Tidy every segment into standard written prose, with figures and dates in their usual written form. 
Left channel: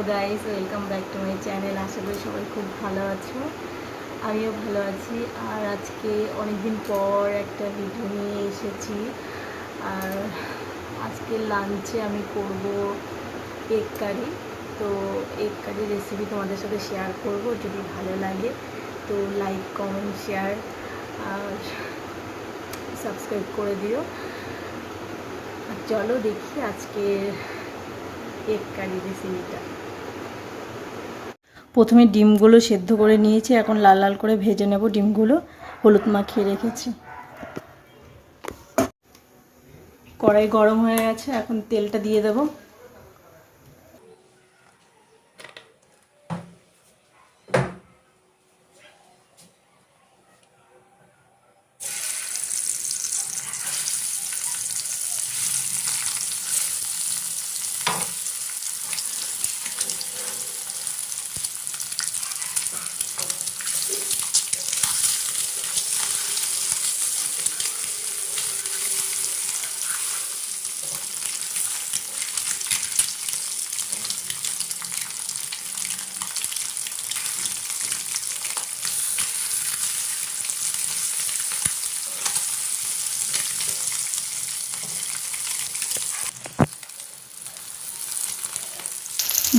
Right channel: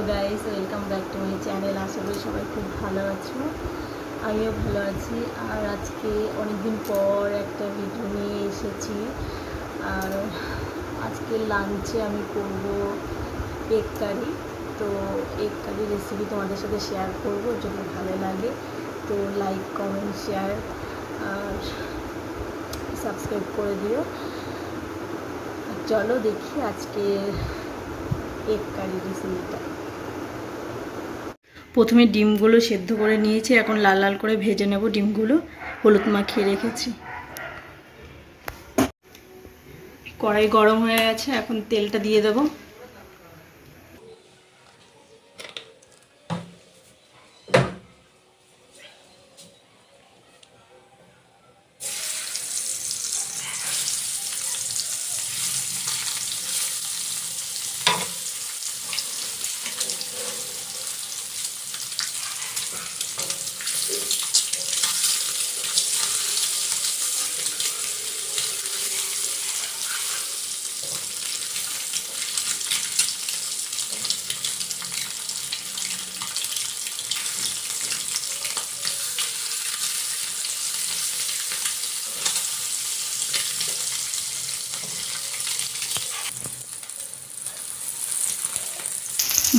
Hello guys, welcome back to my channel. আশা করি সবাই খুব ভালো আছো, আমিও ভালো আছি। আর আজকে অনেকদিন পর একটা ভিডিও নিয়ে এসেছি। আর আজকে লাঞ্চে আমি করব এগ কারি। তো এগ কারি রেসিপি তোমাদের সাথে শেয়ার করব। যদি ভালো লাগে তো লাইক, কমেন্ট, শেয়ার আর সাবস্ক্রাইব করে দিও। চলো দেখি আজকে এগ কারি রেসিপিটা। প্রথমে ডিমগুলো সেদ্ধ করে নিয়েছি, এখন লাল লাল করে ভেজে নেব। ডিমগুলো হলুদ মাখিয়ে রেখেছি। কড়াই গরম হয়ে গেছে, এখন তেলটা দিয়ে দেব।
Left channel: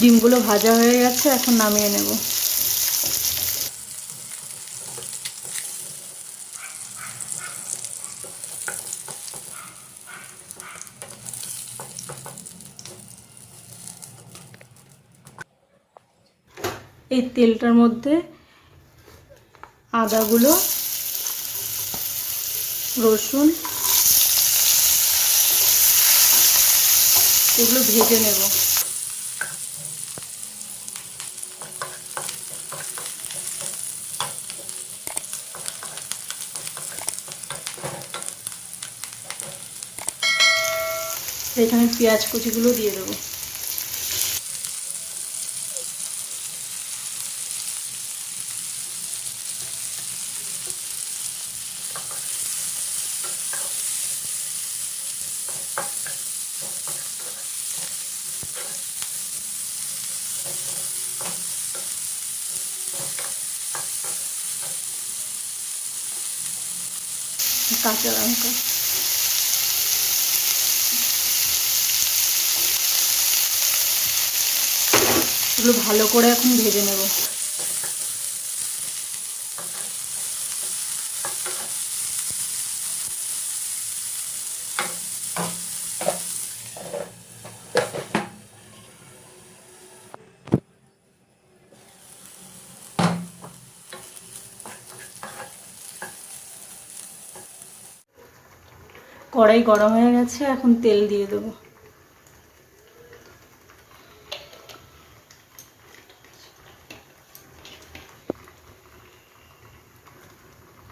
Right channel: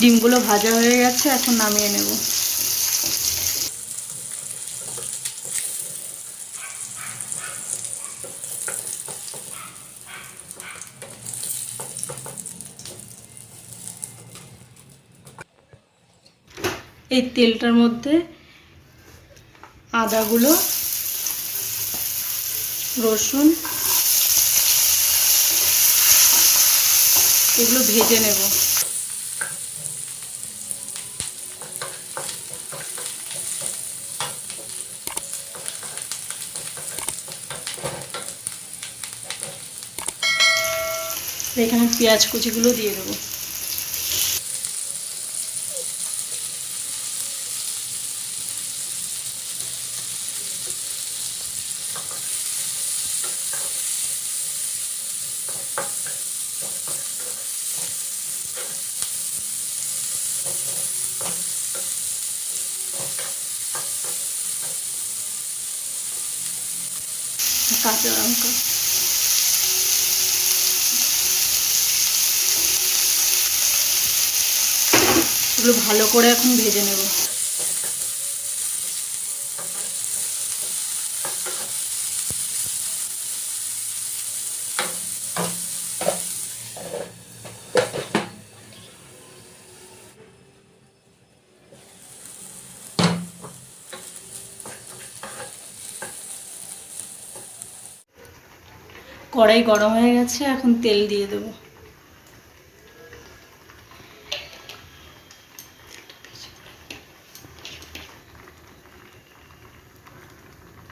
ডিমগুলো ভাজা হয়ে গেছে, এখন নামিয়ে নেব। এই তেলটার মধ্যে আদাগুলো, রসুন এগুলো ভেজে নেব। এখানে পেঁয়াজ কুচিগুলো দিয়ে দেবো। কাঁচা লঙ্কা, এগুলো ভালো করে এখন ভেজে নেব। কড়াই গরম হয়ে গেছে, এখন তেল দিয়ে দেব।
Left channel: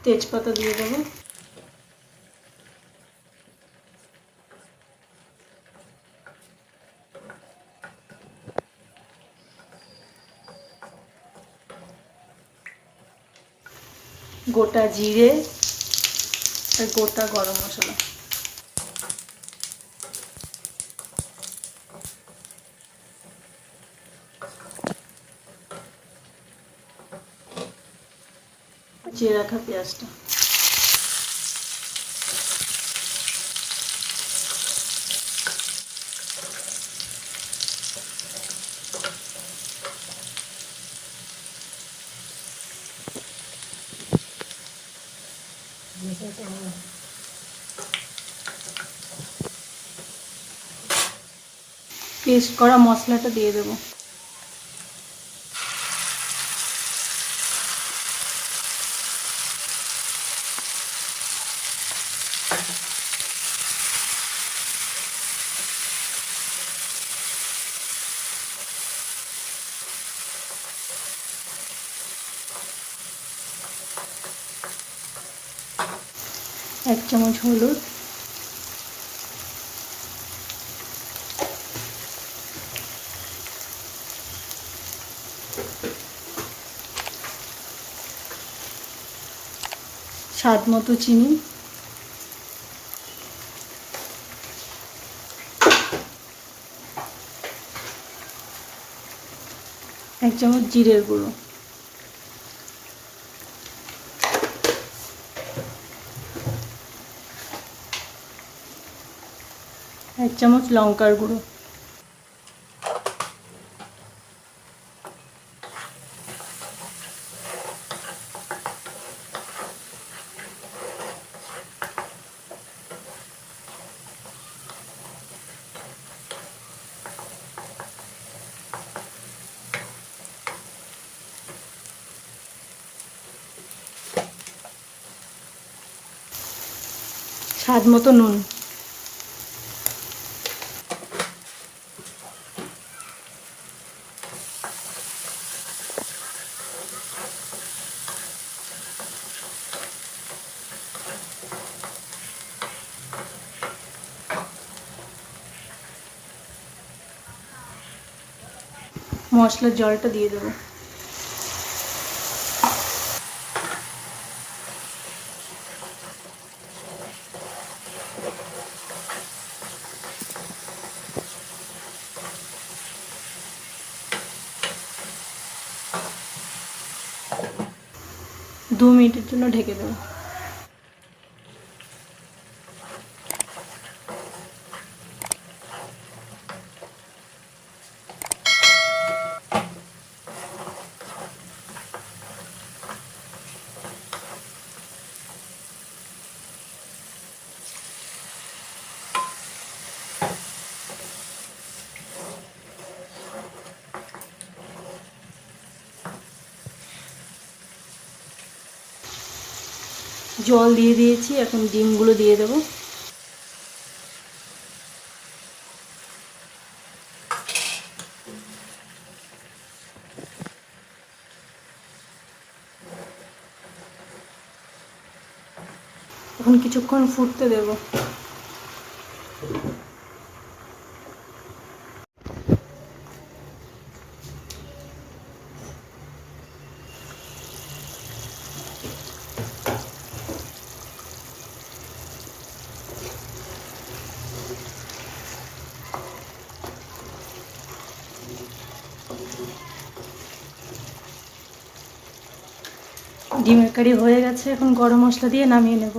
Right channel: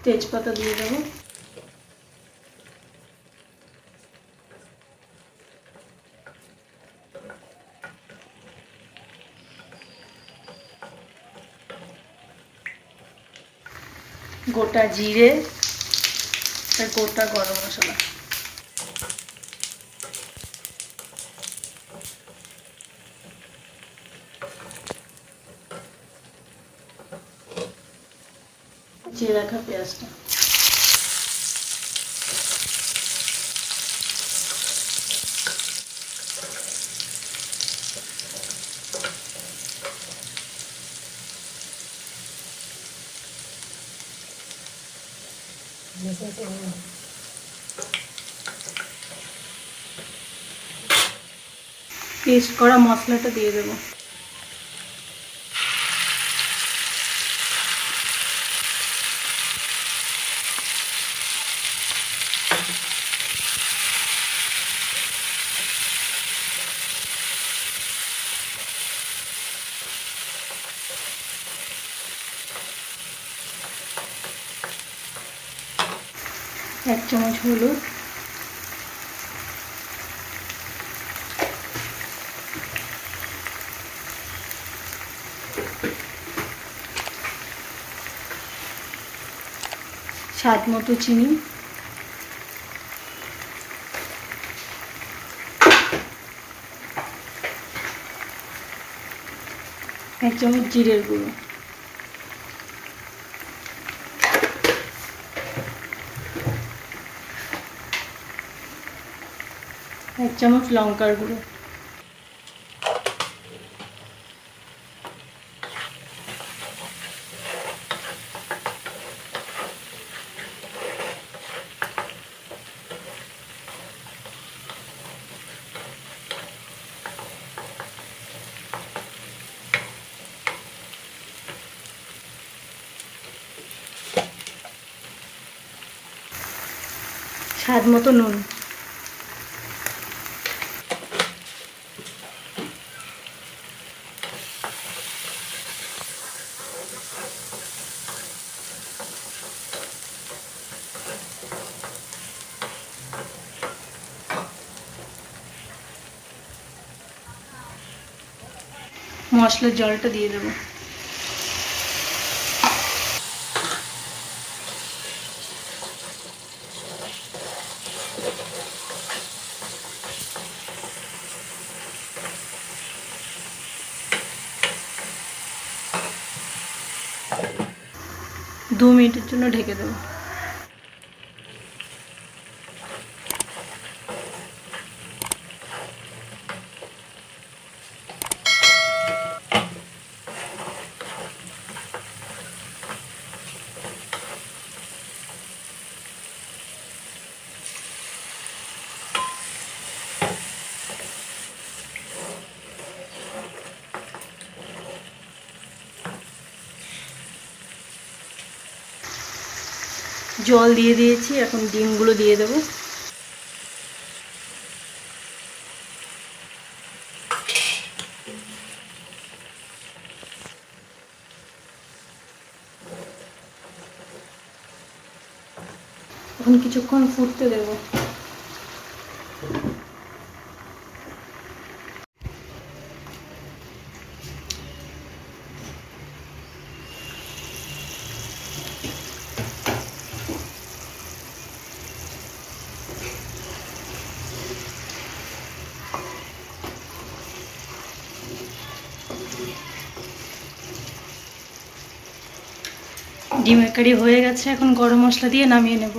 তেজপাতা দিয়ে দেব। গোটা জিরে আর গোটা গরম মশলা, চিড়ে রাখা পেঁয়াজটা, পেস্ট করা মশলাটা দিয়ে দেবো। এক চামচ হলুদ, স্বাদ মতো চিনি, 1 চামচ জিরের গুঁড়ো, 1 চামচ লঙ্কার গুঁড়ো, স্বাদ মতো নুন, মশলার জলটা দিয়ে দেবো। দু মিনিটের জন্য ঢেকে দেবো। জল দিয়ে দিয়েছি, এখন ডিমগুলো দিয়ে দেবো। এখন কিছুক্ষণ ফুটতে দেবো। ডিমের কারি হয়ে গেছে, এখন গরম মশলা দিয়ে নামিয়ে নেব।